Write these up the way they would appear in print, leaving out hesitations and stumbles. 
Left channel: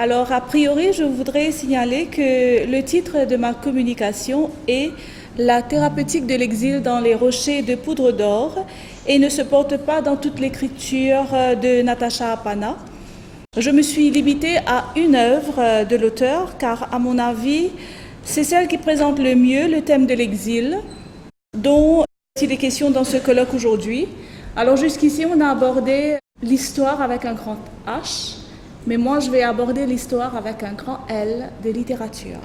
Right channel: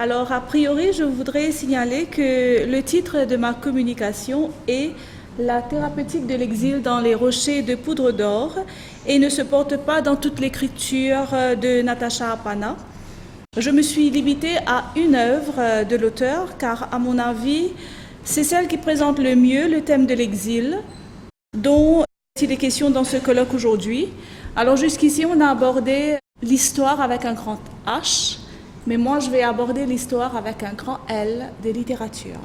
Alors, a priori, je voudrais signaler que le titre de ma communication est La thérapeutique de l'exil dans les rochers de poudre d'or et ne se porte pas dans toute l'écriture de Natacha Apana. Je me suis limitée à une œuvre de l'auteur car, à mon avis, c'est celle qui présente le mieux le thème de l'exil, dont il est question dans ce colloque aujourd'hui. Alors jusqu'ici, on a abordé l'histoire avec un grand H, mais moi je vais aborder l'histoire avec un grand L de littérature.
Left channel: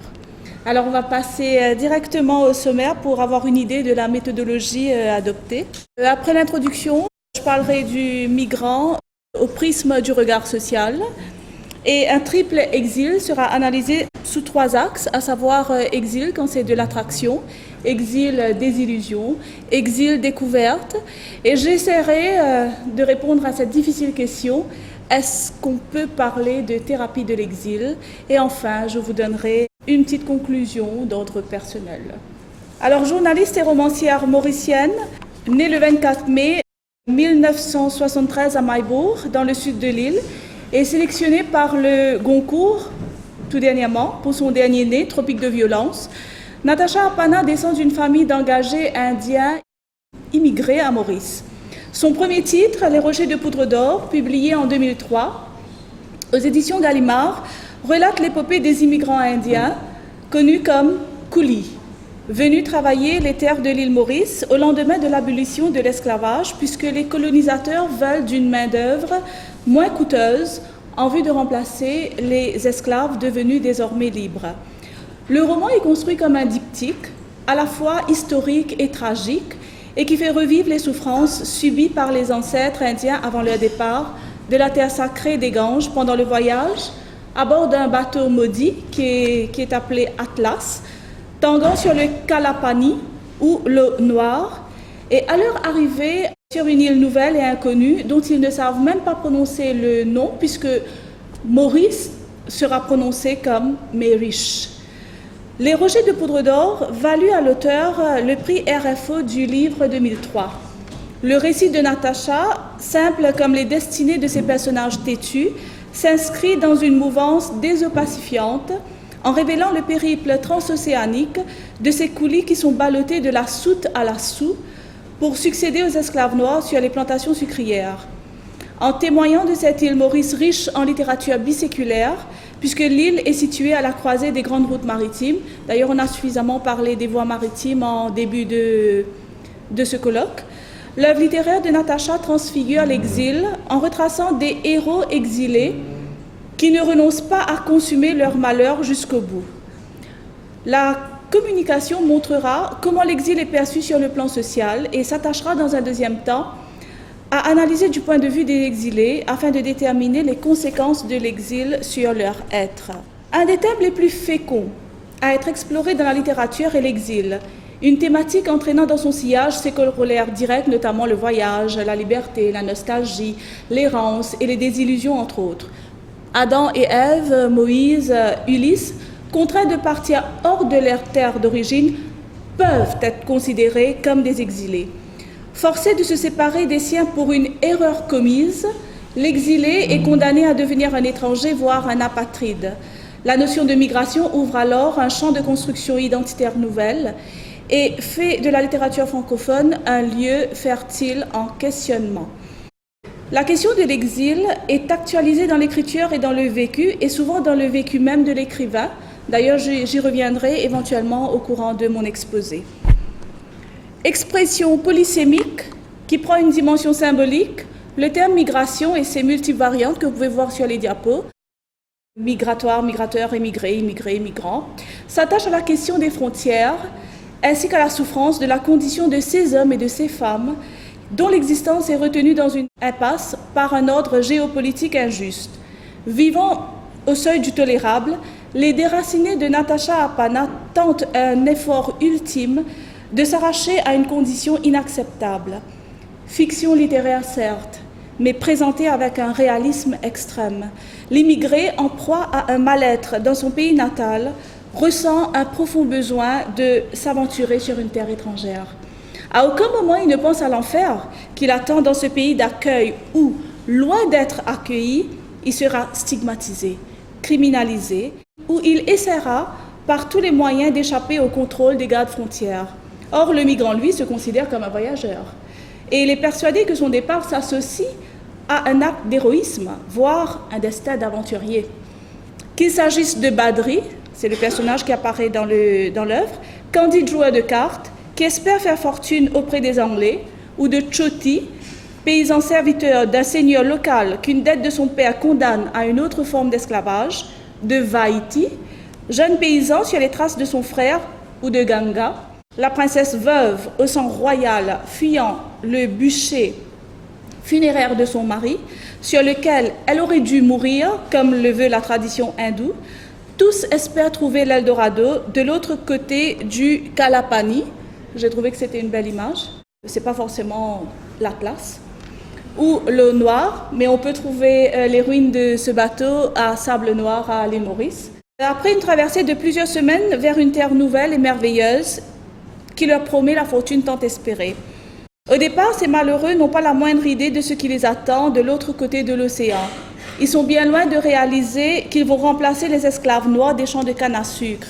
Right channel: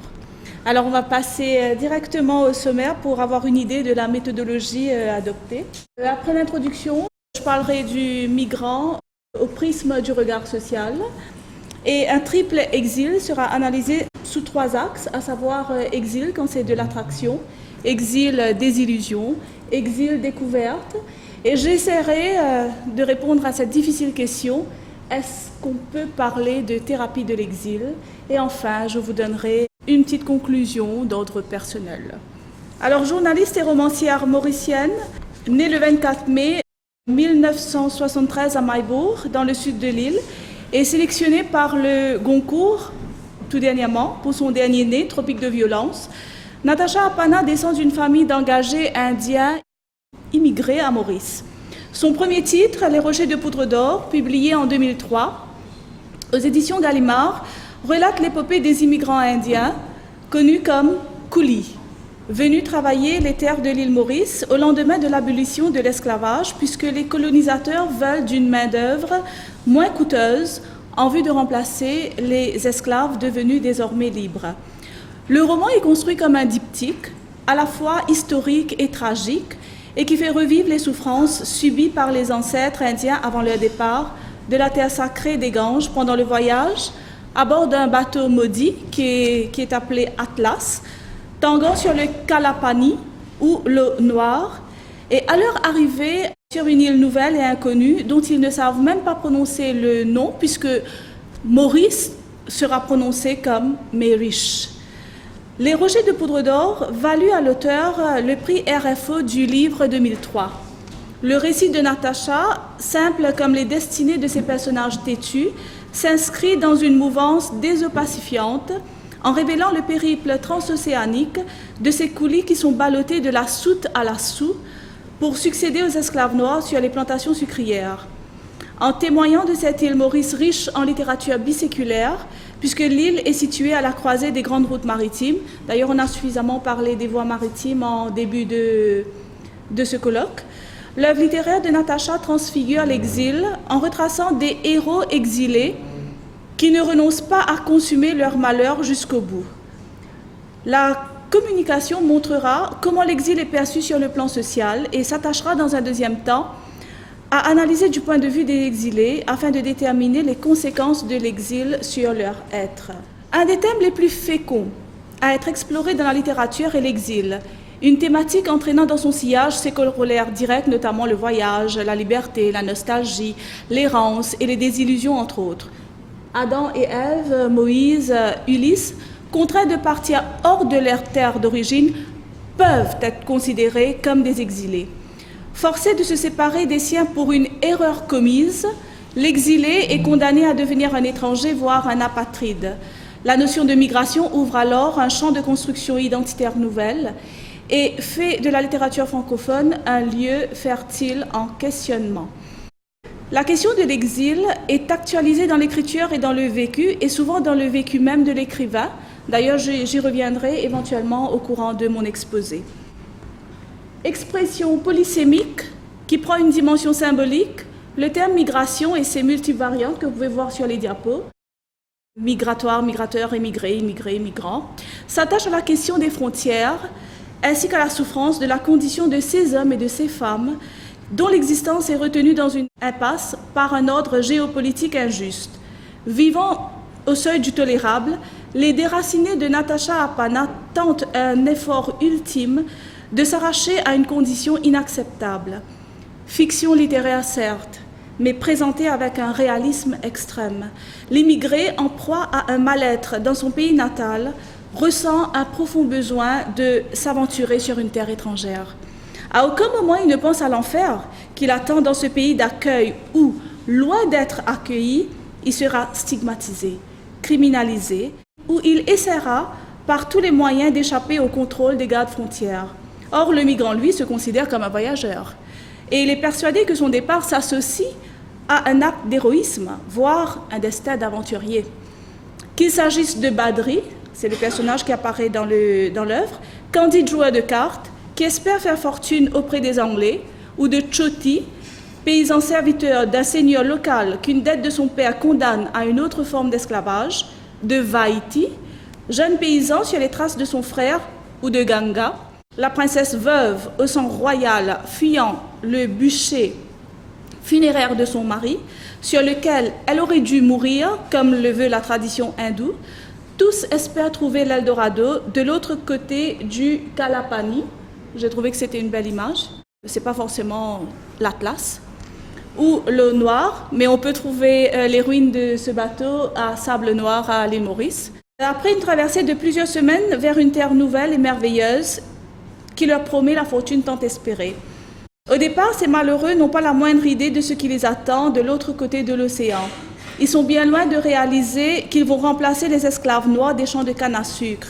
Alors on va passer directement au sommaire pour avoir une idée de la méthodologie adoptée. Après l'introduction, je parlerai du migrant au prisme du regard social et un triple exil sera analysé sous trois axes, à savoir exil quand c'est de l'attraction, exil désillusion, exil découverte. Et j'essaierai de répondre à cette difficile question, est-ce qu'on peut parler de thérapie de l'exil? Et enfin, je vous donnerai une petite conclusion d'ordre personnel. Alors, journaliste et romancière mauricienne, née le 24 mai 1973 à Maillebourg, dans le sud de l'île, et sélectionnée par le Goncourt, tout dernièrement, pour son dernier né, Tropique de violence. Natacha Apana descend d'une famille d'engagés indiens immigrés à Maurice. Son premier titre, Les Rochers de poudre d'or, publié en 2003, aux éditions Gallimard, relate l'épopée des immigrants indiens, connus comme coulis, venus travailler les terres de l'île Maurice au lendemain de l'abolition de l'esclavage, puisque les colonisateurs veulent d'une main-d'œuvre moins coûteuse en vue de remplacer les esclaves devenus désormais libres. Le roman est construit comme un diptyque, à la fois historique et tragique, et qui fait revivre les souffrances subies par les ancêtres indiens avant leur départ de la terre sacrée des Ganges pendant le voyage, à bord d'un bateau maudit qui est appelé Atlas, tendant sur le Kalapani, ou l'eau noire, et à leur arrivée sur une île nouvelle et inconnue dont ils ne savent même pas prononcer le nom, puisque Maurice sera prononcé comme Mériche. Les Rochers de poudre d'or valut à l'auteur le prix RFO du livre 2003. Le récit de Natacha, simple comme les destinées de ses personnages têtus, s'inscrit dans une mouvance désopacifiante en révélant le périple transocéanique de ces coulis qui sont ballottés de la soute à la soue pour succéder aux esclaves noirs sur les plantations sucrières. En témoignant de cette île Maurice riche en littérature biséculaire, puisque l'île est située à la croisée des grandes routes maritimes. D'ailleurs, on a suffisamment parlé des voies maritimes en début de ce colloque. L'œuvre littéraire de Natacha transfigure l'exil en retraçant des héros exilés qui ne renoncent pas à consumer leur malheur jusqu'au bout. La communication montrera comment l'exil est perçu sur le plan social et s'attachera dans un deuxième temps à analyser du point de vue des exilés afin de déterminer les conséquences de l'exil sur leur être. Un des thèmes les plus féconds à être exploré dans la littérature est l'exil, une thématique entraînant dans son sillage ses corollaires directs, notamment le voyage, la liberté, la nostalgie, l'errance et les désillusions, entre autres. Adam et Ève, Moïse, Ulysse, contraints de partir hors de leur terre d'origine, peuvent être considérés comme des exilés. Forcé de se séparer des siens pour une erreur commise, l'exilé est condamné à devenir un étranger, voire un apatride. La notion de migration ouvre alors un champ de construction identitaire nouvelle et fait de la littérature francophone un lieu fertile en questionnement. La question de l'exil est actualisée dans l'écriture et dans le vécu, et souvent dans le vécu même de l'écrivain. D'ailleurs, j'y reviendrai éventuellement au courant de mon exposé. Expression polysémique qui prend une dimension symbolique, le terme migration et ses multiples variantes que vous pouvez voir sur les diapos, migratoire, migrateur, émigré, immigré, migrant, s'attache à la question des frontières ainsi qu'à la souffrance de la condition de ces hommes et de ces femmes dont l'existence est retenue dans une impasse par un ordre géopolitique injuste. Vivant au seuil du tolérable, les déracinés de Natacha Apana tentent un effort ultime de s'arracher à une condition inacceptable. Fiction littéraire certes, mais présentée avec un réalisme extrême. L'immigré, en proie à un mal-être dans son pays natal, ressent un profond besoin de s'aventurer sur une terre étrangère. À aucun moment il ne pense à l'enfer qu'il attend dans ce pays d'accueil où, loin d'être accueilli, il sera stigmatisé. criminalisé, où il essaiera par tous les moyens d'échapper au contrôle des gardes frontières. Or, le migrant, lui, se considère comme un voyageur. Et il est persuadé que son départ s'associe à un acte d'héroïsme, voire un destin d'aventurier. Qu'il s'agisse de Badri, c'est le personnage qui apparaît dans l'œuvre, candide joueur de cartes, qui espère faire fortune auprès des Anglais, ou de Choti, paysan serviteur d'un seigneur local qu'une dette de son père condamne à une autre forme d'esclavage, de Vaiti, jeune paysan sur les traces de son frère, ou de Ganga, la princesse veuve au sang royal fuyant le bûcher funéraire de son mari, sur lequel elle aurait dû mourir, comme le veut la tradition hindoue. Tous espèrent trouver l'Eldorado de l'autre côté du Kalapani. J'ai trouvé que c'était une belle image. Ce n'est pas forcément l'Atlas ou l'eau noire, mais on peut trouver les ruines de ce bateau à Sable Noir, à l'île Maurice. Après une traversée de plusieurs semaines vers une terre nouvelle et merveilleuse qui leur promet la fortune tant espérée. Au départ, ces malheureux n'ont pas la moindre idée de ce qui les attend de l'autre côté de l'océan. Ils sont bien loin de réaliser qu'ils vont remplacer les esclaves noirs des champs de canne à sucre.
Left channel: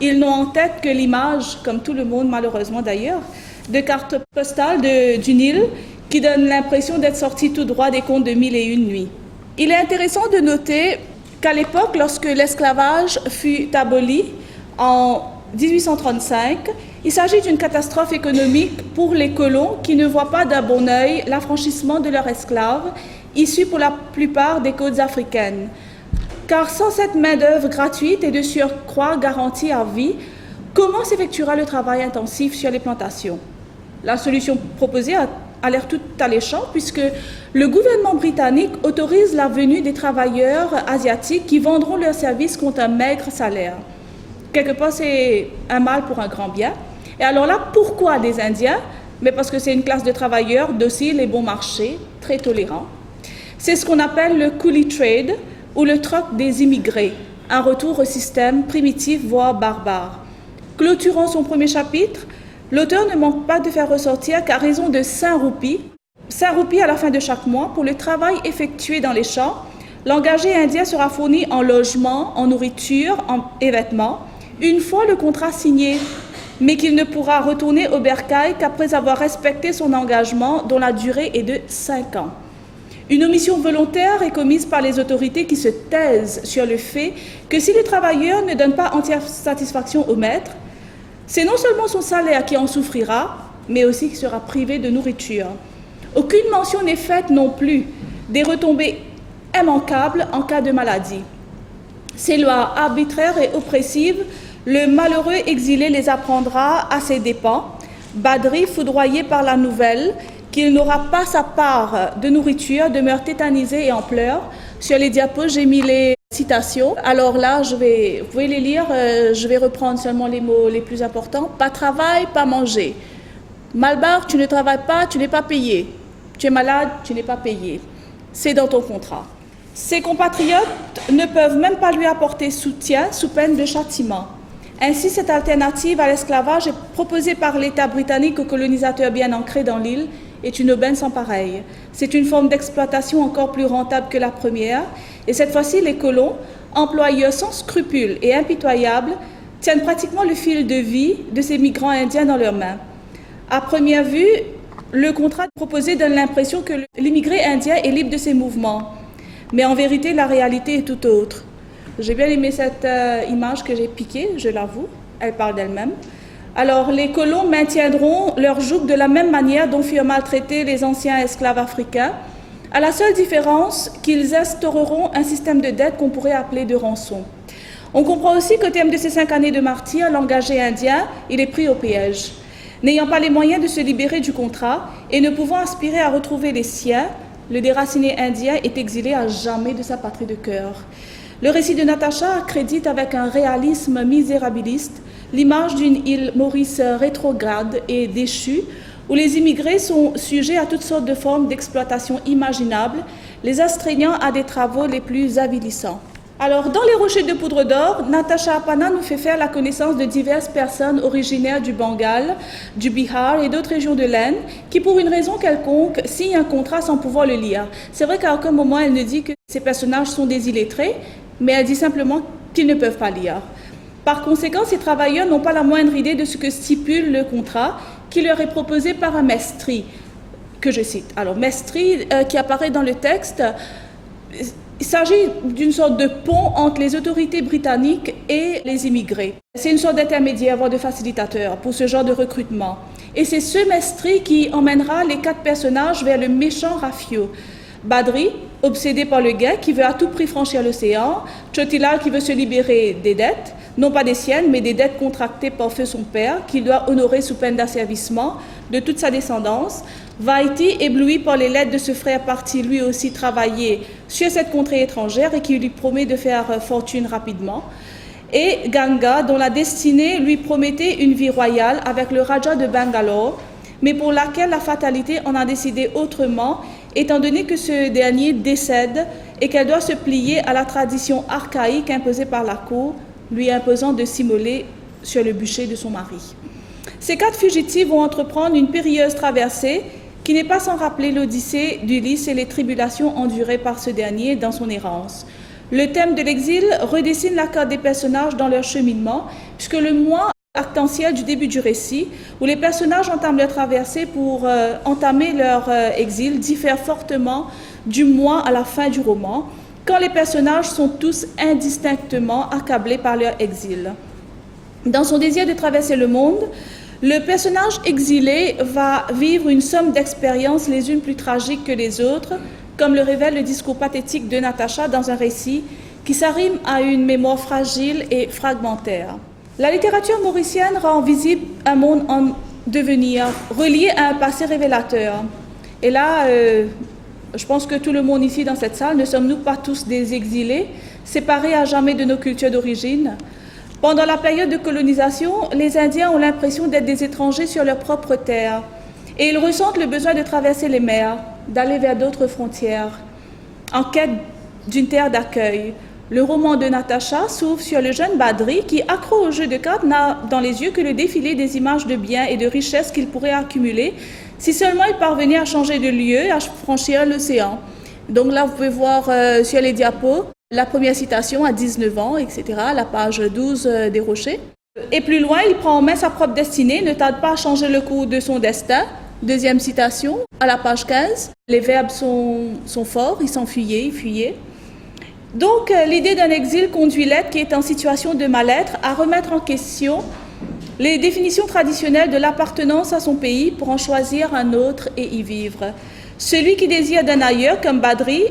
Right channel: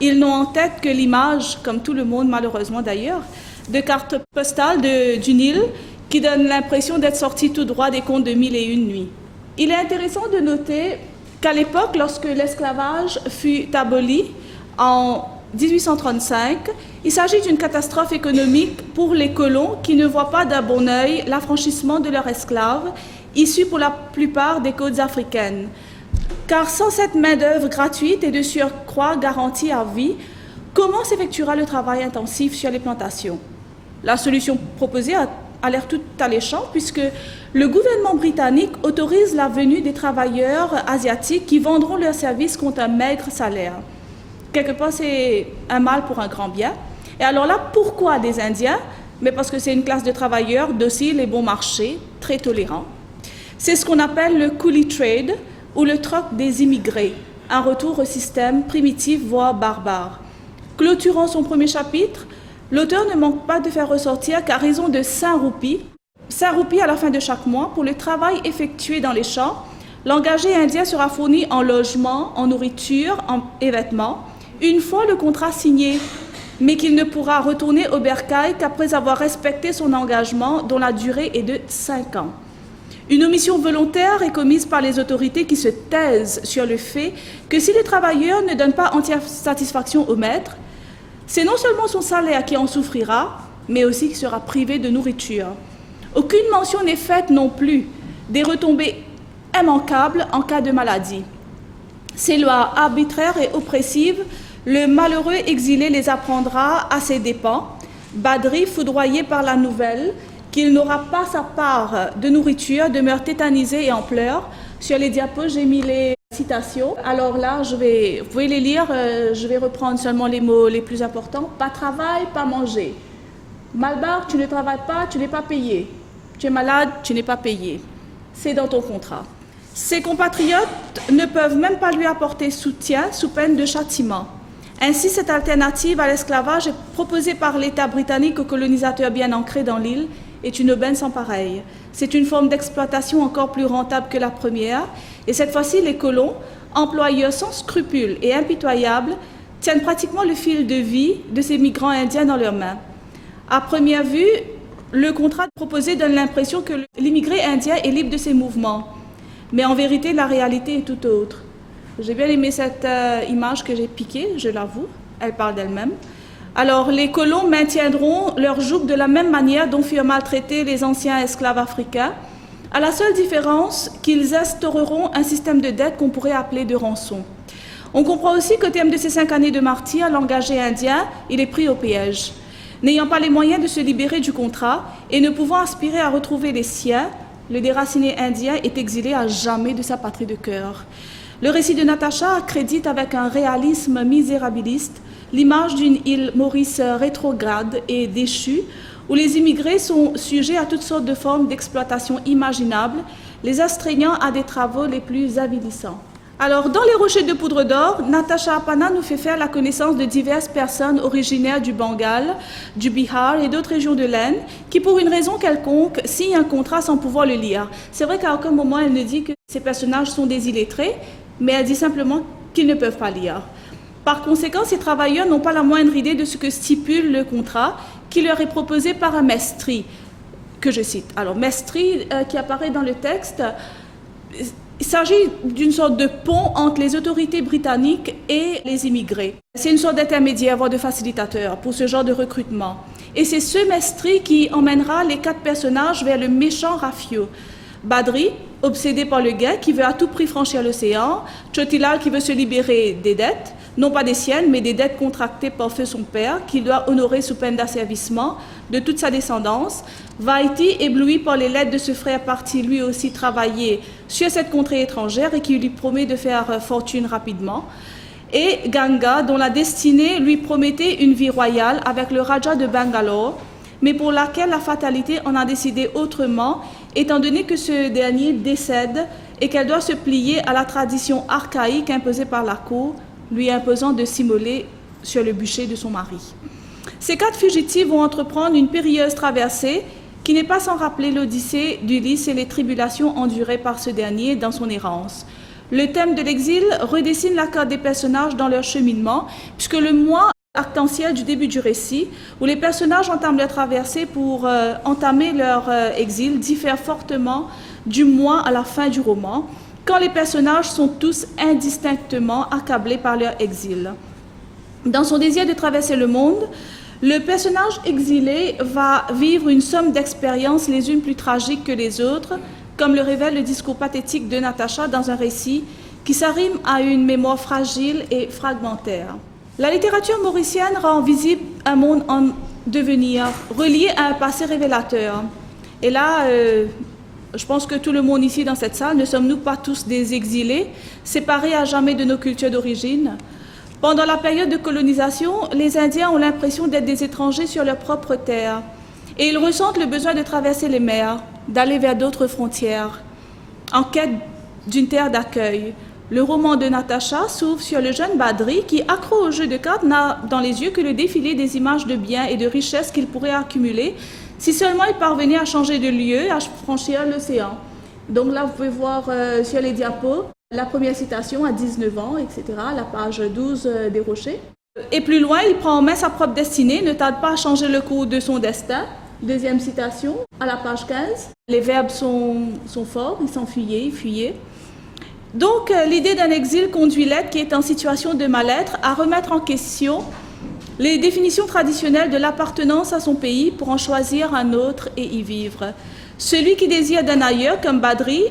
Ils n'ont en tête que l'image, comme tout le monde malheureusement d'ailleurs, de cartes postales du Nil qui donnent l'impression d'être sortis tout droit des contes de Mille et une nuits. Il est intéressant de noter qu'à l'époque, lorsque l'esclavage fut aboli en 1835, il s'agit d'une catastrophe économique pour les colons qui ne voient pas d'un bon œil l'affranchissement de leurs esclaves, issus pour la plupart des côtes africaines. Car sans cette main-d'œuvre gratuite et de surcroît garantie à vie, comment s'effectuera le travail intensif sur les plantations? La solution proposée a l'air tout alléchant puisque le gouvernement britannique autorise la venue des travailleurs asiatiques qui vendront leurs services contre un maigre salaire. Quelque part, c'est un mal pour un grand bien. Et alors là, pourquoi des Indiens? Mais parce que c'est une classe de travailleurs dociles et bon marché, très tolérants. C'est ce qu'on appelle le coolie trade ou le troc des immigrés, un retour au système primitif voire barbare. Clôturant son premier chapitre, l'auteur ne manque pas de faire ressortir qu'à raison de 5 roupies à la fin de chaque mois pour le travail effectué dans les champs, l'engagé indien sera fourni en logement, en nourriture et vêtements, une fois le contrat signé, mais qu'il ne pourra retourner au bercail qu'après avoir respecté son engagement dont la durée est de 5 ans. Une omission volontaire est commise par les autorités qui se taisent sur le fait que si le travailleur ne donne pas entière satisfaction au maître, c'est non seulement son salaire qui en souffrira, mais aussi qu'il sera privé de nourriture. Aucune mention n'est faite non plus des retombées immanquables en cas de maladie. Ces lois arbitraires et oppressives, le malheureux exilé les apprendra à ses dépens. Badri, foudroyé par la nouvelle qu'il n'aura pas sa part de nourriture, demeure tétanisé et en pleurs. Sur les diapos, j'ai mis les citations. Alors là, vous pouvez les lire, je vais reprendre seulement les mots les plus importants. Pas travail, pas manger. Malbar, tu ne travailles pas, tu n'es pas payé. Tu es malade, tu n'es pas payé. C'est dans ton contrat. Ses compatriotes ne peuvent même pas lui apporter soutien sous peine de châtiment. Ainsi, cette alternative à l'esclavage proposée par l'État britannique aux colonisateurs bien ancrés dans l'île est une aubaine sans pareille. C'est une forme d'exploitation encore plus rentable que la première, et cette fois-ci, les colons, employeurs sans scrupules et impitoyables, tiennent pratiquement le fil de vie de ces migrants indiens dans leurs mains. À première vue, le contrat proposé donne l'impression que l'immigré indien est libre de ses mouvements, mais en vérité, la réalité est tout autre. J'ai bien aimé cette image que j'ai piquée, je l'avoue, elle parle d'elle-même. Alors, les colons maintiendront leur joug de la même manière dont furent maltraités les anciens esclaves africains, à la seule différence qu'ils instaureront un système de dette qu'on pourrait appeler de rançon. On comprend aussi qu'au terme de ces 5 années de martyre, l'engagé indien, il est pris au piège. N'ayant pas les moyens de se libérer du contrat et ne pouvant aspirer à retrouver les siens, le déraciné indien est exilé à jamais de sa patrie de cœur. Le récit de Natacha accrédite avec un réalisme misérabiliste l'image d'une île Maurice rétrograde et déchue, où les immigrés sont sujets à toutes sortes de formes d'exploitation imaginables, les astreignant à des travaux les plus avilissants. Alors, dans les rochers de poudre d'or, Natacha Appanna nous fait faire la connaissance de diverses personnes originaires du Bengale, du Bihar et d'autres régions de l'Inde, qui pour une raison quelconque signent un contrat sans pouvoir le lire. C'est vrai qu'à aucun moment elle ne dit que ces personnages sont des illettrés, mais elle dit simplement qu'ils ne peuvent pas lire. Par conséquent, ces travailleurs n'ont pas la moindre idée de ce que stipule le contrat qui leur est proposé par un mestri, que je cite. Alors, mestri qui apparaît dans le texte, il s'agit d'une sorte de pont entre les autorités britanniques et les immigrés. C'est une sorte d'intermédiaire, voire de facilitateur pour ce genre de recrutement. Et c'est ce mestri qui emmènera les 4 personnages vers le méchant Rafio. Badri, obsédé par le gain, qui veut à tout prix franchir l'océan. Chotila, qui veut se libérer des dettes, non pas des siennes, mais des dettes contractées par feu son père, qu'il doit honorer sous peine d'asservissement de toute sa descendance. Vaiti, ébloui par les lettres de ce frère parti lui aussi travailler sur cette contrée étrangère et qui lui promet de faire fortune rapidement. Et Ganga, dont la destinée lui promettait une vie royale avec le Raja de Bangalore, mais pour laquelle la fatalité en a décidé autrement, étant donné que ce dernier décède et qu'elle doit se plier à la tradition archaïque imposée par la cour, lui imposant de s'immoler sur le bûcher de son mari. Ces 4 fugitifs vont entreprendre une périlleuse traversée qui n'est pas sans rappeler l'Odyssée d'Ulysse et les tribulations endurées par ce dernier dans son errance. Le thème de l'exil redessine la carte des personnages dans leur cheminement, puisque le mois actentiel du début du récit, où les personnages entament leur traversée pour entamer leur exil, diffère fortement du mois à la fin du roman, quand les personnages sont tous indistinctement accablés par leur exil. Dans son désir de traverser le monde, le personnage exilé va vivre une somme d'expériences les unes plus tragiques que les autres, comme le révèle le discours pathétique de Natacha dans un récit qui s'arrime à une mémoire fragile et fragmentaire. La littérature mauricienne rend visible un monde en devenir, relié à un passé révélateur. Et là, je pense que tout le monde ici dans cette salle, ne sommes-nous pas tous des exilés, séparés à jamais de nos cultures d'origine? Pendant la période de colonisation, les Indiens ont l'impression d'être des étrangers sur leur propre terre et ils ressentent le besoin de traverser les mers, d'aller vers d'autres frontières, en quête d'une terre d'accueil. Le roman de Natacha s'ouvre sur le jeune Badri qui, accro au jeu de cartes, n'a dans les yeux que le défilé des images de biens et de richesses qu'il pourrait accumuler si seulement il parvenait à changer de lieu, à franchir l'océan. Donc là, vous pouvez voir sur les diapos la première citation à 19 ans, etc., la page 12 des Rochers. Et plus loin, il prend en main sa propre destinée, ne tarde pas à changer le cours de son destin. Deuxième citation, à la page 15. Les verbes sont forts, il s'enfuyait, il fuyait. Donc, l'idée d'un exil conduit l'être qui est en situation de mal-être à remettre en question les définitions traditionnelles de l'appartenance à son pays pour en choisir un autre et y vivre. Celui qui désire d'un ailleurs, comme Badri,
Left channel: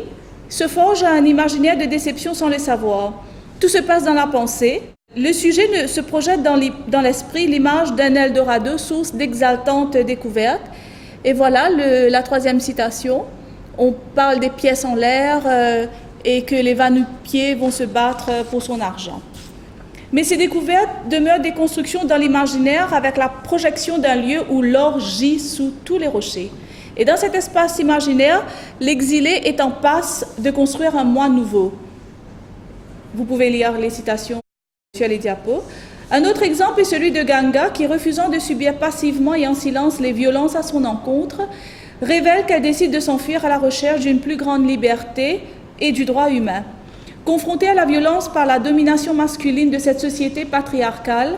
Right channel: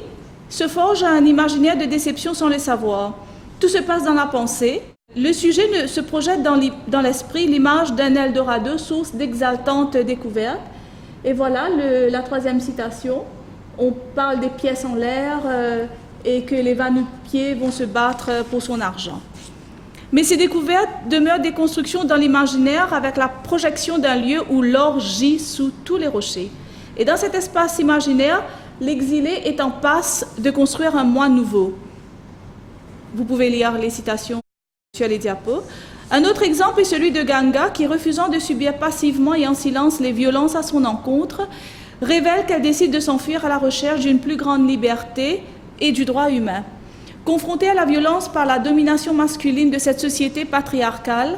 se forge à un imaginaire de déception sans le savoir. Tout se passe dans la pensée. Le sujet se projette dans l'esprit l'image d'un Eldorado, source d'exaltantes découvertes. Et voilà la troisième citation. On parle des pièces en l'air et que les va-nu-pieds vont se battre pour son argent. Mais ces découvertes demeurent des constructions dans l'imaginaire avec la projection d'un lieu où l'or gît sous tous les rochers. Et dans cet espace imaginaire, l'exilé est en passe de construire un moi nouveau. Vous pouvez lire les citations sur les diapos. Un autre exemple est celui de Ganga qui, refusant de subir passivement et en silence les violences à son encontre, révèle qu'elle décide de s'enfuir à la recherche d'une plus grande liberté et du droit humain. Confrontée à la violence par la domination masculine de cette société patriarcale,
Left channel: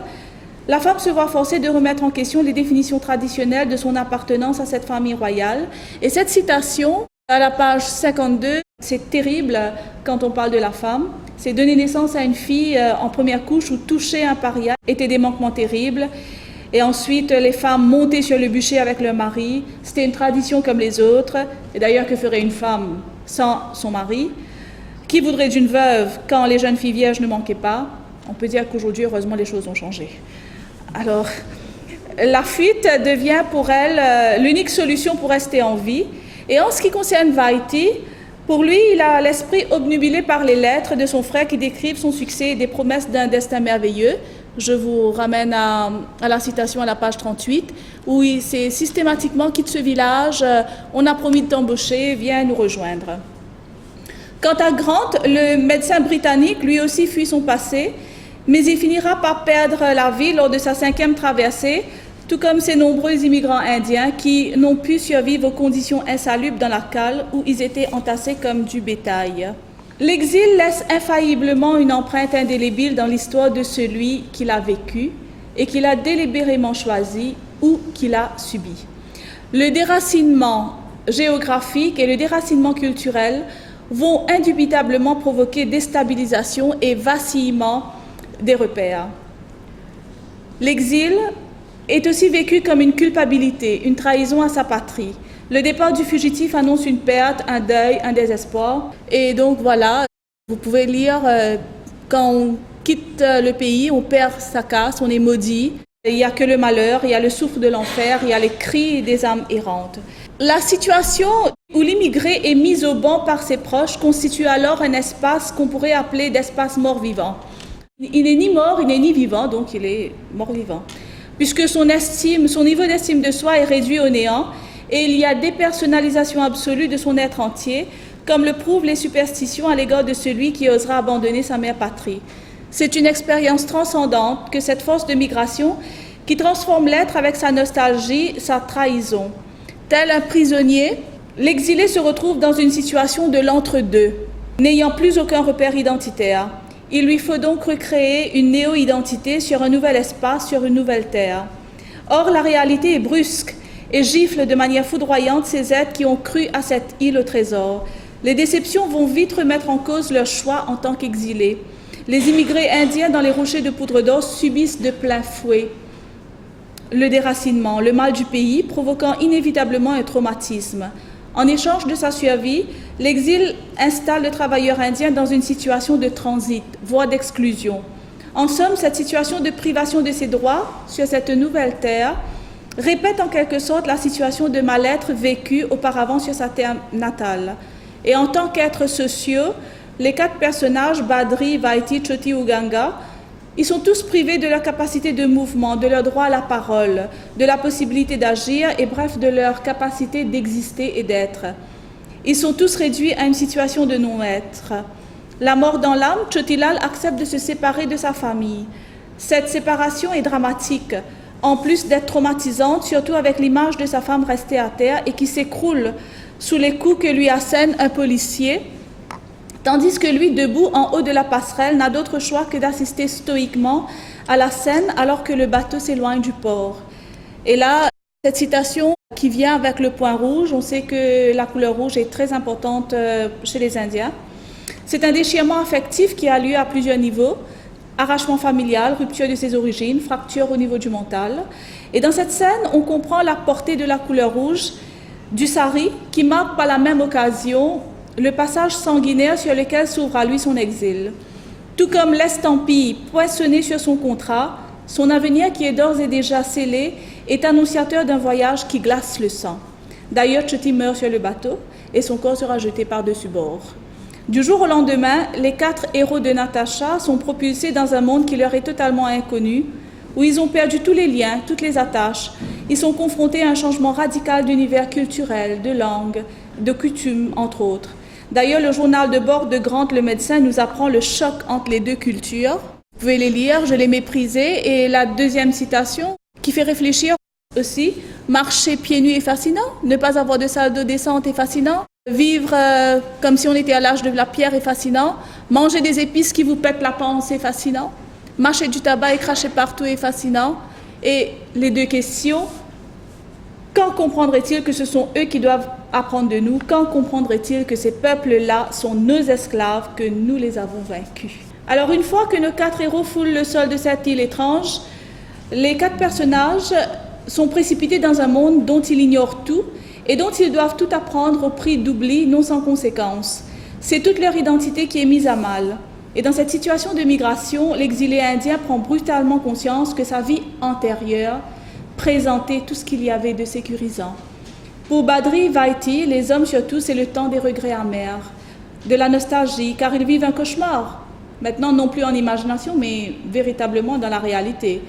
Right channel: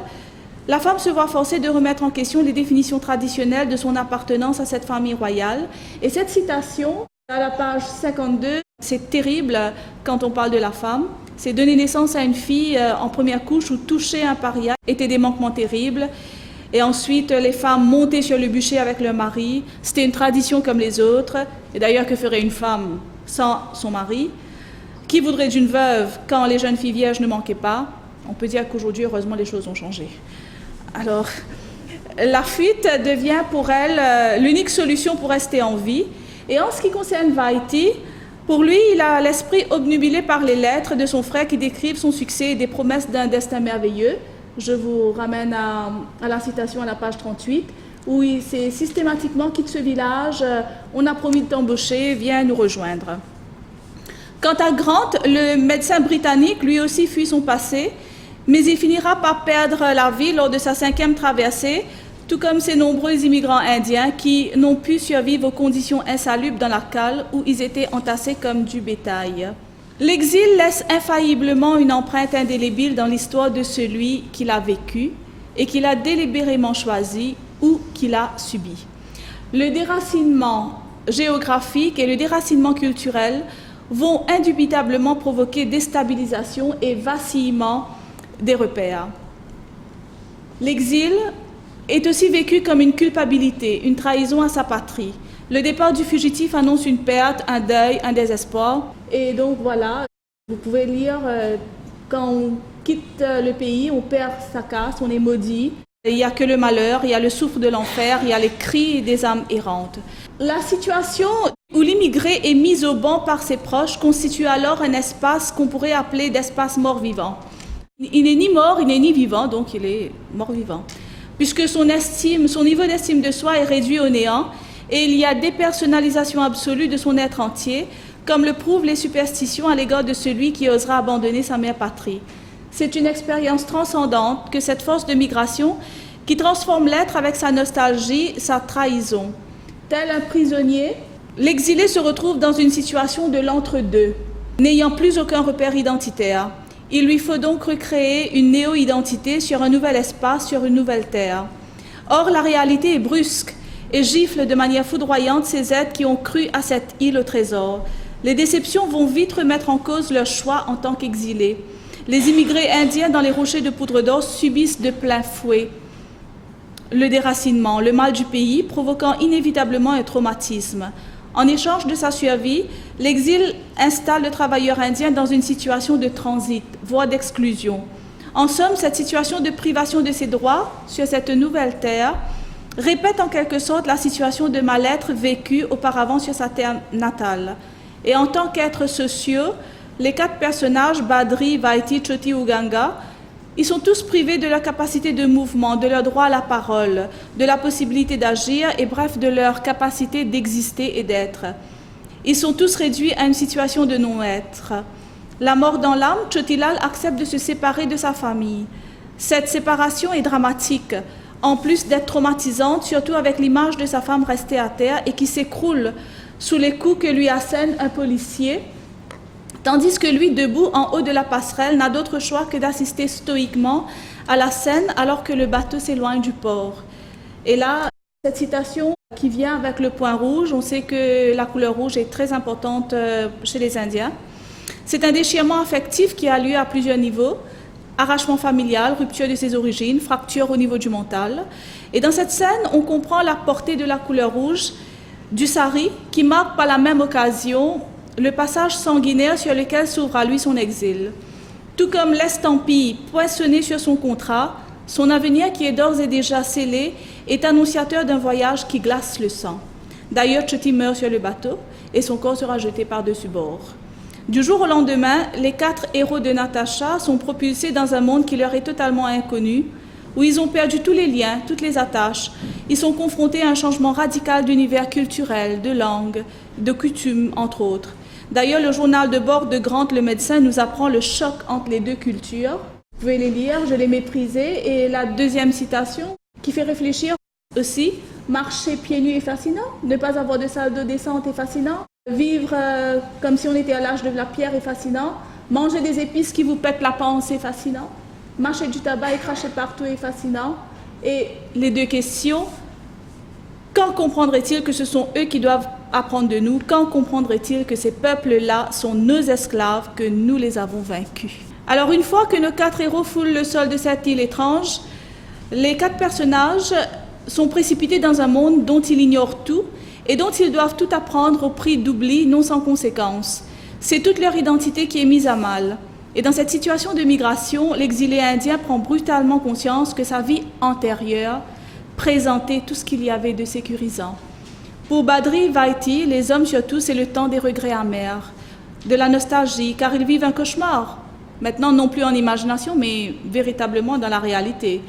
la femme se voit forcée de remettre en question les définitions traditionnelles de son appartenance à cette famille royale. Et cette citation, à la page 52, c'est terrible quand on parle de la femme. C'est donner naissance à une fille en première couche ou toucher un paria était des manquements terribles. Et ensuite, les femmes montaient sur le bûcher avec leur mari. C'était une tradition comme les autres. Et d'ailleurs, que ferait une femme sans son mari? Qui voudrait d'une veuve quand les jeunes filles vierges ne manquaient pas? On peut dire qu'aujourd'hui, heureusement, les choses ont changé. Alors, la fuite devient pour elle l'unique solution pour rester en vie. Et en ce qui concerne Vaiti, pour lui, il a l'esprit obnubilé par les lettres de son frère qui décrivent son succès et des promesses d'un destin merveilleux. Je vous ramène à la citation à la page 38, où c'est systématiquement « quitte ce village, on a promis de t'embaucher, viens nous rejoindre ». Quant à Grant, le médecin britannique, lui aussi fuit son passé, mais il finira par perdre la vie lors de sa 5e traversée, tout comme ces nombreux immigrants indiens qui n'ont pu survivre aux conditions insalubres dans la cale où ils étaient entassés comme du bétail. L'exil laisse infailliblement une empreinte indélébile dans l'histoire de celui qui l'a vécu et qui l'a délibérément choisi ou qui l'a subi. Le déracinement géographique et le déracinement culturel vont indubitablement provoquer déstabilisation et vacillement des repères. L'exil est aussi vécu comme une culpabilité, une trahison à sa patrie. Le départ du fugitif annonce une perte, un deuil, un désespoir. Et donc voilà, vous pouvez lire quand on quitte le pays, on perd sa caste, on est maudit. Il n'y a que le malheur, il y a le souffle de l'enfer, il y a les cris des âmes errantes. La situation où l'immigré est mis au banc par ses proches constitue alors un espace qu'on pourrait appeler d'espace mort-vivant. Il n'est ni mort, il n'est ni vivant, donc il est mort-vivant. Puisque son niveau d'estime de soi est réduit au néant et il y a dépersonnalisation absolue de son être entier, comme le prouvent les superstitions à l'égard de celui qui osera abandonner sa mère patrie. C'est une expérience transcendante que cette force de migration qui transforme l'être avec sa nostalgie, sa trahison. Tel un prisonnier, l'exilé se retrouve dans une situation de l'entre-deux, n'ayant plus aucun repère identitaire. Il lui faut donc recréer une néo-identité sur un nouvel espace, sur une nouvelle terre. Or, la réalité est brusque et gifle de manière foudroyante ces êtres qui ont cru à cette île au trésor. Les déceptions vont vite remettre en cause leur choix en tant qu'exilés. Les immigrés indiens dans les rochers de Poudre d'Or subissent de plein fouet le déracinement, le mal du pays, provoquant inévitablement un traumatisme. En échange de sa survie, l'exil installe le travailleur indien dans une situation de transit, voire d'exclusion. En somme, cette situation de privation de ses droits sur cette nouvelle terre répète en quelque sorte la situation de mal-être vécue auparavant sur sa terre natale. Et en tant qu'êtres sociaux, les 4 personnages, Badri, Vaiti, Choti ou Ganga, ils sont tous privés de leur capacité de mouvement, de leur droit à la parole, de la possibilité d'agir et bref de leur capacité d'exister et d'être. Ils sont tous réduits à une situation de non-être. La mort dans l'âme, Chotilal accepte de se séparer de sa famille. Cette séparation est dramatique, en plus d'être traumatisante, surtout avec l'image de sa femme restée à terre et qui s'écroule sous les coups que lui assène un policier, tandis que lui, debout en haut de la passerelle, n'a d'autre choix que d'assister stoïquement à la scène alors que le bateau s'éloigne du port. Et là, cette citation qui vient avec le point rouge, on sait que la couleur rouge est très importante chez les Indiens. C'est un déchirement affectif qui a lieu à plusieurs niveaux, arrachement familial, rupture de ses origines, fracture au niveau du mental. Et dans cette scène, on comprend la portée de la couleur rouge du sari qui marque par la même occasion le passage sanguinaire sur lequel s'ouvre à lui son exil. Tout comme l'estampille poinçonnée sur son contrat, son avenir qui est d'ores et déjà scellé est annonciateur d'un voyage qui glace le sang. D'ailleurs, Choti meurt sur le bateau et son corps sera jeté par-dessus bord. Du jour au lendemain, les 4 héros de Natasha sont propulsés dans un monde qui leur est totalement inconnu, où ils ont perdu tous les liens, toutes les attaches. Ils sont confrontés à un changement radical d'univers culturel, de langue, de coutumes, entre autres. D'ailleurs, le journal de bord de Grant, le médecin, nous apprend le choc entre les 2 cultures. Vous pouvez les lire, je les méprisais. Et la deuxième citation, qui fait réfléchir aussi, marcher pieds nus est fascinant, ne pas avoir de salle d'eau décente est fascinant, vivre comme si on était à l'âge de la pierre est fascinant, manger des épices qui vous pètent la panse est fascinant, mâcher du tabac et cracher partout est fascinant. Et les 2 questions, quand comprendraient-ils que ce sont eux qui doivent apprendre de nous? Quand comprendraient-ils que ces peuples-là sont nos esclaves, que nous les avons vaincus? Alors, une fois que nos 4 héros foulent le sol de cette île étrange, les 4 personnages sont précipités dans un monde dont ils ignorent tout et dont ils doivent tout apprendre au prix d'oubli non sans conséquence. C'est toute leur identité qui est mise à mal. Et dans cette situation de migration, l'exilé indien prend brutalement conscience que sa vie antérieure présentait tout ce qu'il y avait de sécurisant. Pour Badri, Vaiti, les hommes surtout, c'est le temps des regrets amers, de la nostalgie, car ils vivent un cauchemar. Maintenant, non plus en imagination, mais véritablement dans la réalité.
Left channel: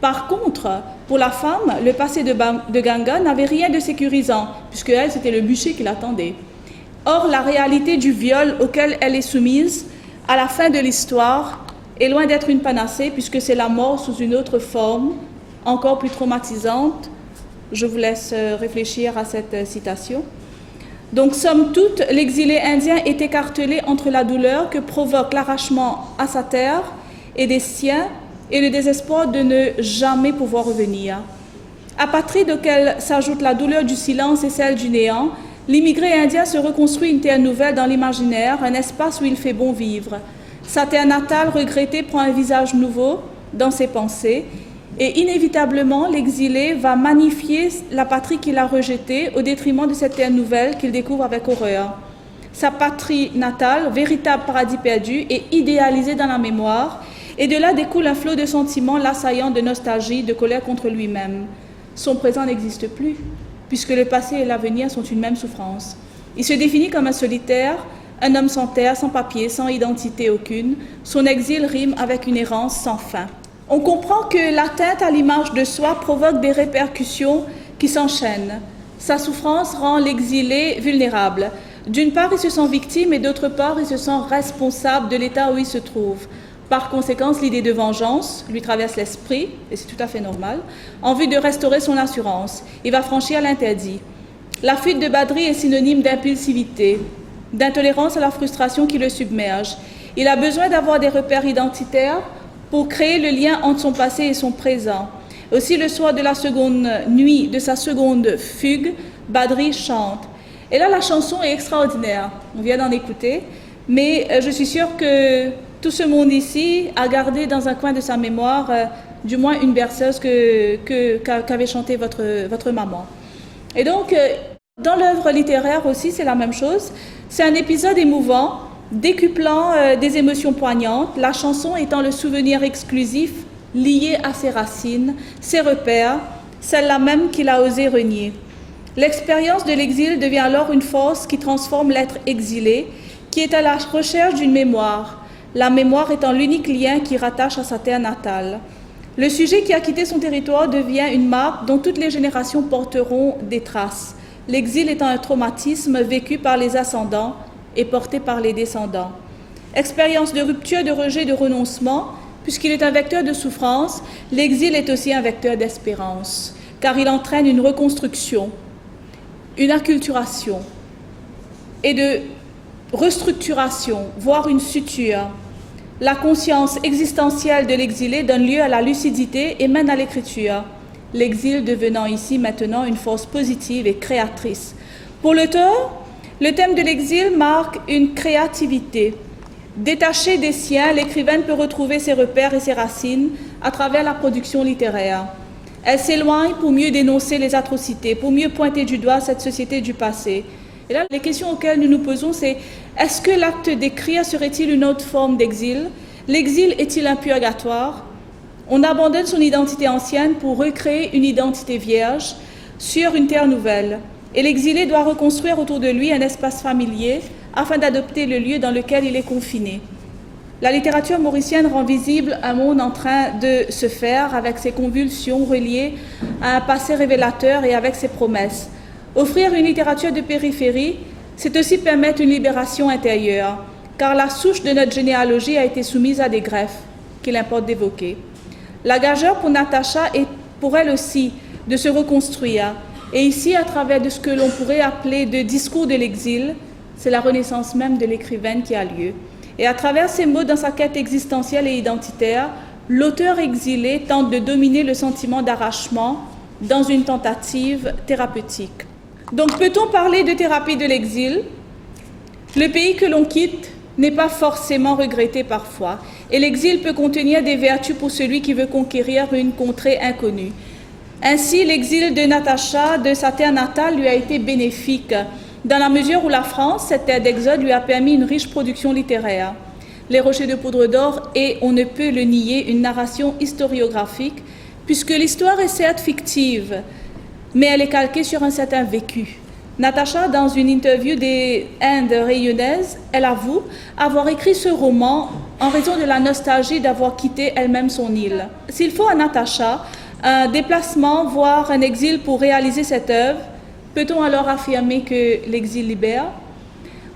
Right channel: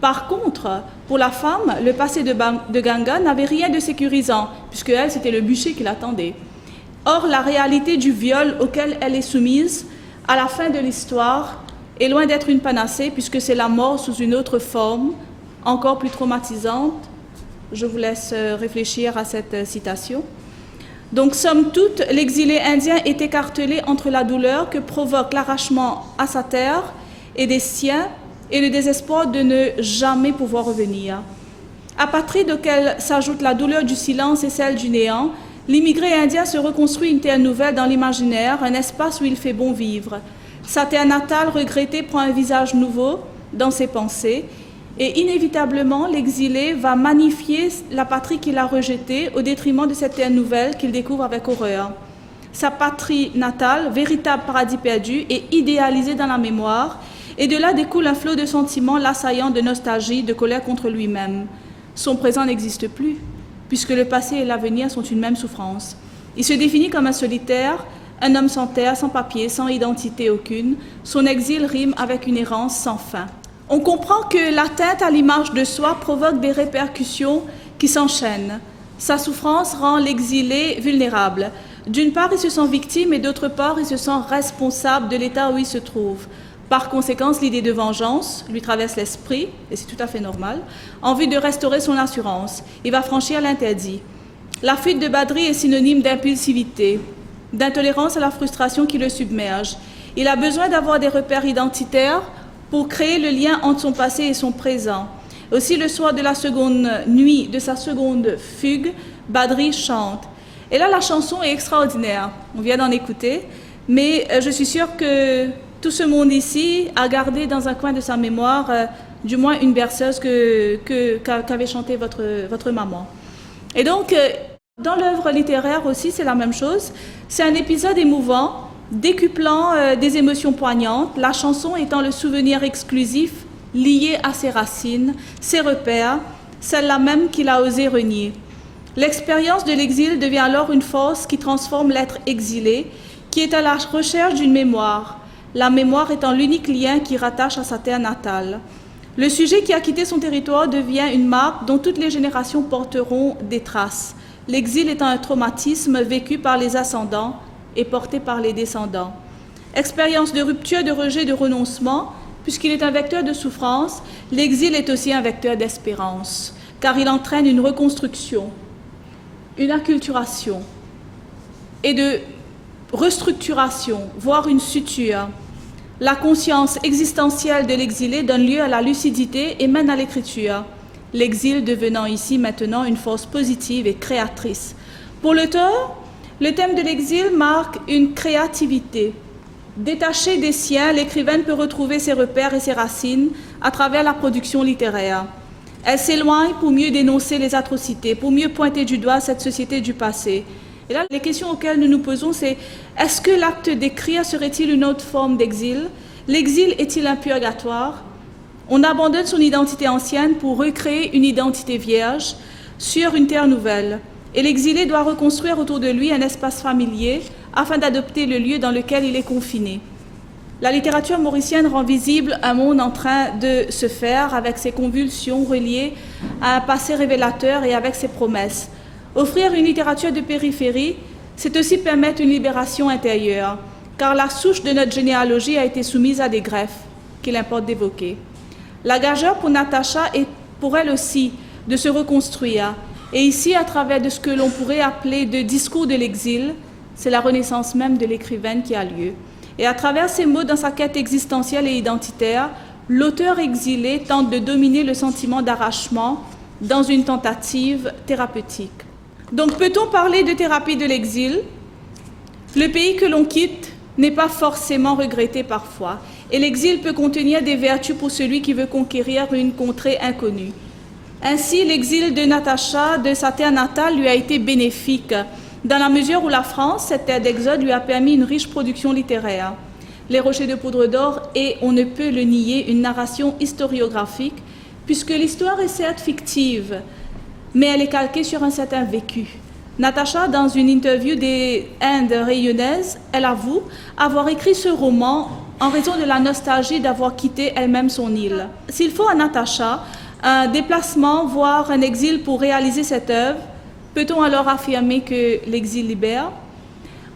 Par contre, pour la femme, le passé de Ganga n'avait rien de sécurisant, puisque elle, c'était le bûcher qui l'attendait. Or, la réalité du viol auquel elle est soumise, à la fin de l'histoire, est loin d'être une panacée, puisque c'est la mort sous une autre forme, encore plus traumatisante. Je vous laisse réfléchir à cette citation. Donc, somme toute, l'exilé indien est écartelé entre la douleur que provoque l'arrachement à sa terre et des siens et le désespoir de ne jamais pouvoir revenir. Apatride auquel s'ajoute la douleur du silence et celle du néant, l'immigré indien se reconstruit une terre nouvelle dans l'imaginaire, un espace où il fait bon vivre. Sa terre natale regrettée prend un visage nouveau dans ses pensées et inévitablement l'exilé va magnifier la patrie qu'il a rejetée au détriment de cette terre nouvelle qu'il découvre avec horreur. Sa patrie natale, véritable paradis perdu, est idéalisée dans la mémoire et de là découle un flot de sentiments l'assaillant de nostalgie, de colère contre lui-même. Son présent n'existe plus, puisque le passé et l'avenir sont une même souffrance. Il se définit comme un solitaire, un homme sans terre, sans papier, sans identité aucune. Son exil rime avec une errance sans fin. On comprend que l'atteinte à l'image de soi provoque des répercussions qui s'enchaînent. Sa souffrance rend l'exilé vulnérable. D'une part, il se sent victime et d'autre part, il se sent responsable de l'état où il se trouve. Par conséquent, l'idée de vengeance lui traverse l'esprit, et c'est tout à fait normal, en vue de restaurer son assurance. Il va franchir l'interdit. La fuite de Badri est synonyme d'impulsivité, d'intolérance à la frustration qui le submerge. Il a besoin d'avoir des repères identitaires pour créer le lien entre son passé et son présent. Aussi, le soir de la seconde nuit de sa seconde fugue, Badri chante. Et là, la chanson est extraordinaire. On vient d'en écouter, mais je suis sûre que tout ce monde ici a gardé dans un coin de sa mémoire, du moins une berceuse qu'avait chanté votre maman. Et donc, dans l'œuvre littéraire aussi, c'est la même chose. C'est un épisode émouvant, décuplant des émotions poignantes, la chanson étant le souvenir exclusif lié à ses racines, ses repères, celle-là même qu'il a osé renier. L'expérience de l'exil devient alors une force qui transforme l'être exilé, qui est à la recherche d'une mémoire, la mémoire étant l'unique lien qui rattache à sa terre natale. Le sujet qui a quitté son territoire devient une marque dont toutes les générations porteront des traces, l'exil étant un traumatisme vécu par les ascendants et porté par les descendants. Expérience de rupture, de rejet, de renoncement, puisqu'il est un vecteur de souffrance, l'exil est aussi un vecteur d'espérance, car il entraîne une reconstruction, une acculturation et de restructuration, voire une suture. La conscience existentielle de l'exilé donne lieu à la lucidité et mène à l'écriture, l'exil devenant ici maintenant une force positive et créatrice. Pour l'auteur, le thème de l'exil marque une créativité. Détachée des siens, l'écrivaine peut retrouver ses repères et ses racines à travers la production littéraire. Elle s'éloigne pour mieux dénoncer les atrocités, pour mieux pointer du doigt cette société du passé. Et là, les questions auxquelles nous nous posons, c'est est-ce que l'acte d'écrire serait-il une autre forme d'exil? L'exil est-il un purgatoire? On abandonne son identité ancienne pour recréer une identité vierge sur une terre nouvelle. Et l'exilé doit reconstruire autour de lui un espace familier afin d'adopter le lieu dans lequel il est confiné. La littérature mauricienne rend visible un monde en train de se faire avec ses convulsions reliées à un passé révélateur et avec ses promesses. Offrir une littérature de périphérie, c'est aussi permettre une libération intérieure, car la souche de notre généalogie a été soumise à des greffes qu'il importe d'évoquer. La gageure pour Natacha est pour elle aussi de se reconstruire. Et ici, à travers de ce que l'on pourrait appeler de discours de l'exil, c'est la renaissance même de l'écrivaine qui a lieu. Et à travers ces mots dans sa quête existentielle et identitaire, l'auteur exilé tente de dominer le sentiment d'arrachement dans une tentative thérapeutique. Donc, peut-on parler de thérapie de l'exil? Le pays que l'on quitte n'est pas forcément regretté parfois, et l'exil peut contenir des vertus pour celui qui veut conquérir une contrée inconnue. Ainsi, l'exil de Natacha, de sa terre natale, lui a été bénéfique, dans la mesure où la France, cette terre d'exode, lui a permis une riche production littéraire. Les Rochers de Poudre d'Or et, on ne peut le nier, une narration historiographique, puisque l'histoire est certes fictive, mais elle est calquée sur un certain vécu. Natacha, dans une interview des Indes rayonnaises, elle avoue avoir écrit ce roman en raison de la nostalgie d'avoir quitté elle-même son île. S'il faut à Natacha un déplacement, voire un exil pour réaliser cette œuvre, peut-on alors affirmer que l'exil libère?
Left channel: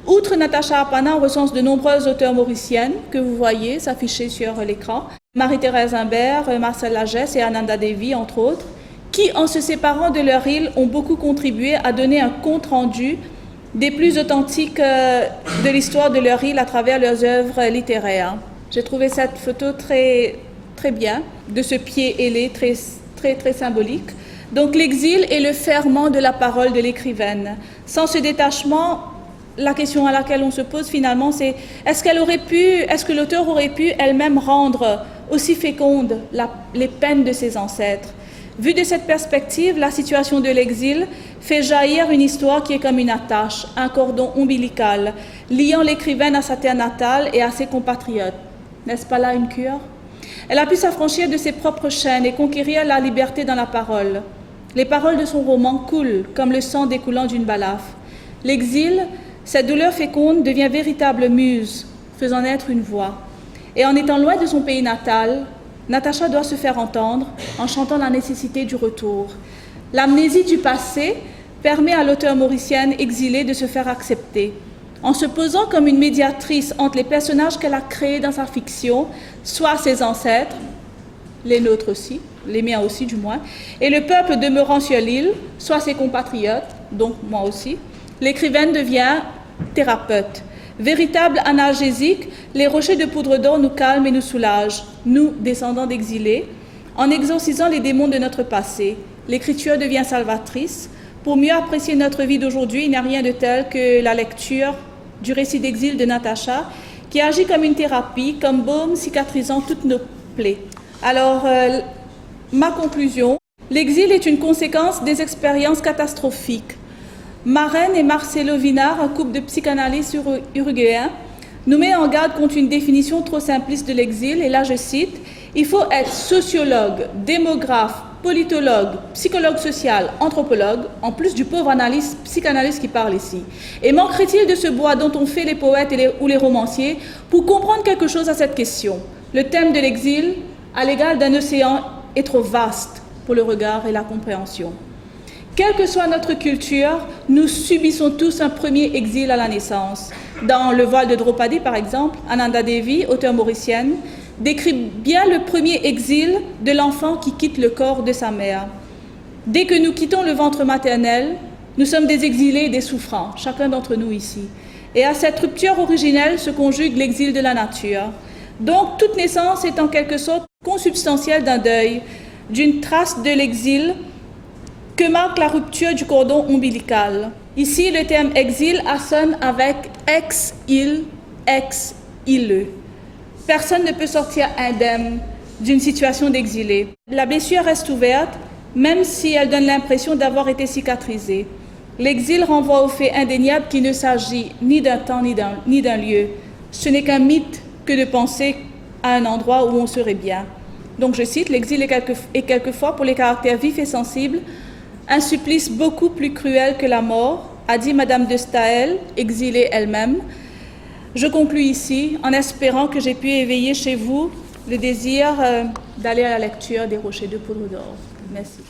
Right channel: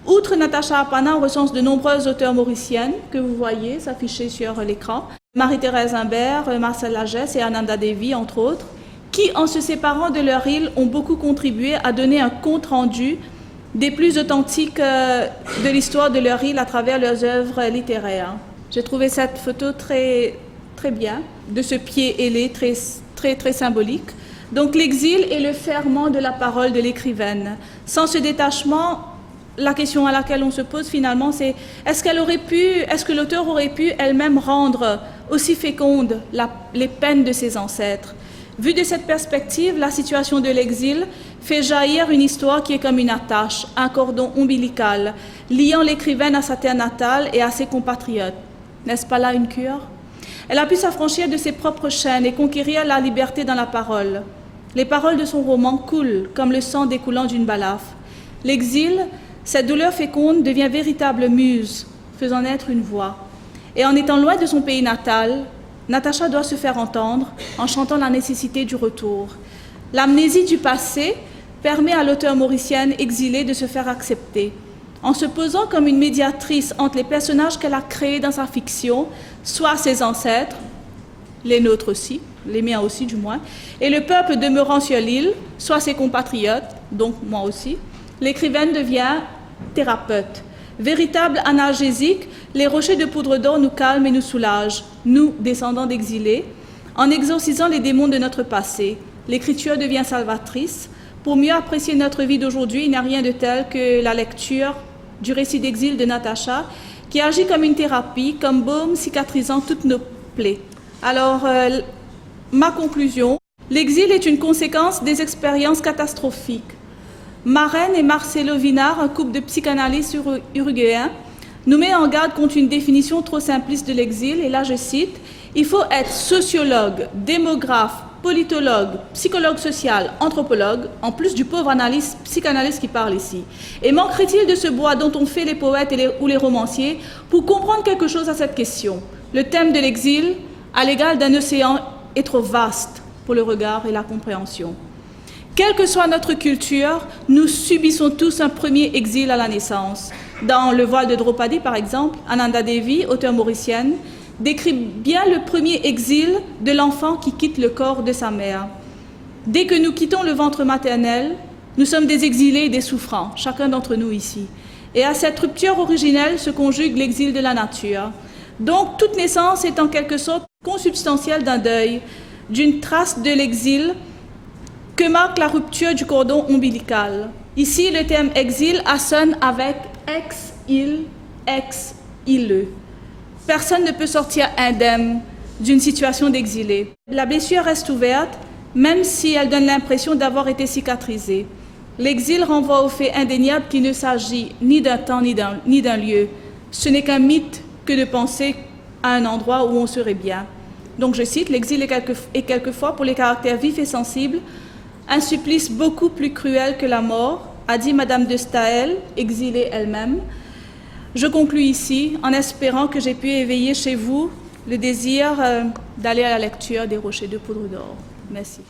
Outre Natacha Apana, on recense de nombreuses auteurs mauriciennes que vous voyez s'afficher sur l'écran. Marie-Thérèse Imbert, Marcel Lagesse et Ananda Devi, entre autres, qui, en se séparant de leur île, ont beaucoup contribué à donner un compte-rendu des plus authentiques de l'histoire de leur île à travers leurs œuvres littéraires. J'ai trouvé cette photo très, très bien, de ce pied ailé, très, très, très symbolique. Donc l'exil est le ferment de la parole de l'écrivaine. Sans ce détachement, la question à laquelle on se pose finalement, c'est est-ce que l'auteur aurait pu elle-même rendre aussi féconde les peines de ses ancêtres? Vu de cette perspective, la situation de l'exil fait jaillir une histoire qui est comme une attache, un cordon ombilical, liant l'écrivaine à sa terre natale et à ses compatriotes. N'est-ce pas là une cure? Elle a pu s'affranchir de ses propres chaînes et conquérir la liberté dans la parole. Les paroles de son roman coulent comme le sang découlant d'une balafre. L'exil, cette douleur féconde, devient véritable muse, faisant naître une voix. Et en étant loin de son pays natal, Natacha doit se faire entendre en chantant la nécessité du retour. L'amnésie du passé permet à l'auteure mauricienne exilée de se faire accepter. En se posant comme une médiatrice entre les personnages qu'elle a créés dans sa fiction, soit ses ancêtres, les nôtres aussi, les miens aussi du moins, et le peuple demeurant sur l'île, soit ses compatriotes, donc moi aussi, l'écrivaine devient thérapeute. Véritable analgésique, les rochers de poudre d'or nous calment et nous soulagent, nous, descendants d'exilés. En exorcisant les démons de notre passé, l'écriture devient salvatrice. Pour mieux apprécier notre vie d'aujourd'hui, il n'y a rien de tel que la lecture du récit d'exil de Natacha, qui agit comme une thérapie, comme baume cicatrisant toutes nos plaies. Alors, ma conclusion, l'exil est une conséquence des expériences catastrophiques. Marraine et Marcelo Vinar, un couple de psychanalystes uruguayens, nous met en garde contre une définition trop simpliste de l'exil, et là je cite, « Il faut être sociologue, démographe, politologue, psychologue social, anthropologue, en plus du pauvre psychanalyste qui parle ici. Et manquerait-il de ce bois dont on fait les poètes ou les romanciers pour comprendre quelque chose à cette question? Le thème de l'exil, à l'égal d'un océan, est trop vaste pour le regard et la compréhension. Quelle que soit notre culture, nous subissons tous un premier exil à la naissance. Dans Le voile de Draupadi, par exemple, Ananda Devi, auteure mauricienne, décrit bien le premier exil de l'enfant qui quitte le corps de sa mère. Dès que nous quittons le ventre maternel, nous sommes des exilés et des souffrants, chacun d'entre nous ici. Et à cette rupture originelle se conjugue l'exil de la nature. Donc, toute naissance est en quelque sorte consubstantielle d'un deuil, d'une trace de l'exil que marque la rupture du cordon ombilical. Ici, le terme exil assonne avec ex-il, ex-ile. Personne ne peut sortir indemne d'une situation d'exilé. La blessure reste ouverte, même si elle donne l'impression d'avoir été cicatrisée. L'exil renvoie au fait indéniable qu'il ne s'agit ni d'un temps ni d'un lieu. Ce n'est qu'un mythe que de penser à un endroit où on serait bien. Donc je cite, l'exil est quelquefois pour les caractères vifs et sensibles un supplice beaucoup plus cruel que la mort, a dit Madame de Staël, exilée elle-même. Je conclus ici en espérant que j'ai pu éveiller chez vous le désir d'aller à la lecture des Rochers de poudre d'or. Merci.